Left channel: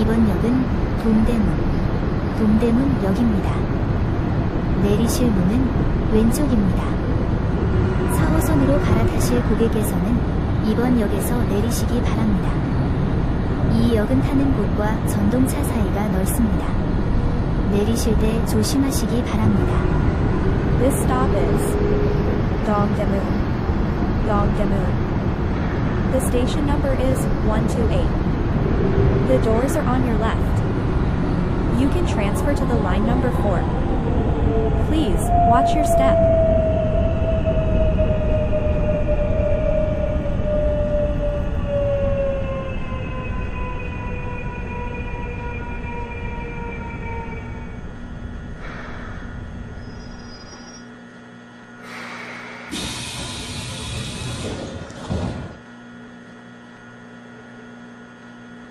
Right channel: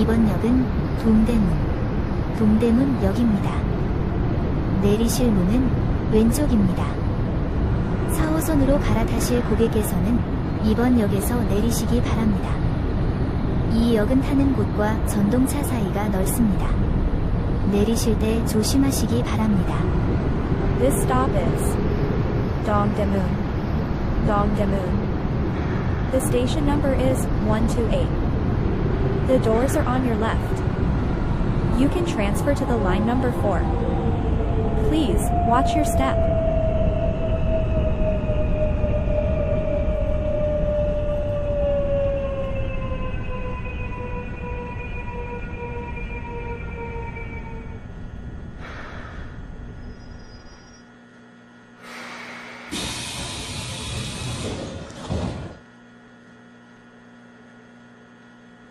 이번 역은 동대문역입니다. 내리실 문은 왼쪽입니다. 4호선으로 갈아타실 고객께서는 이번 역에서 내리시기 바랍니다. 이 역은 타는 곳과 전동차 사이가 넓습니다. 내리실 때 조심하시기 바랍니다. This stop is Dongdaemun. The station number is 128. The doors are on your left. You can transfer to the line number 4. Please watch your step.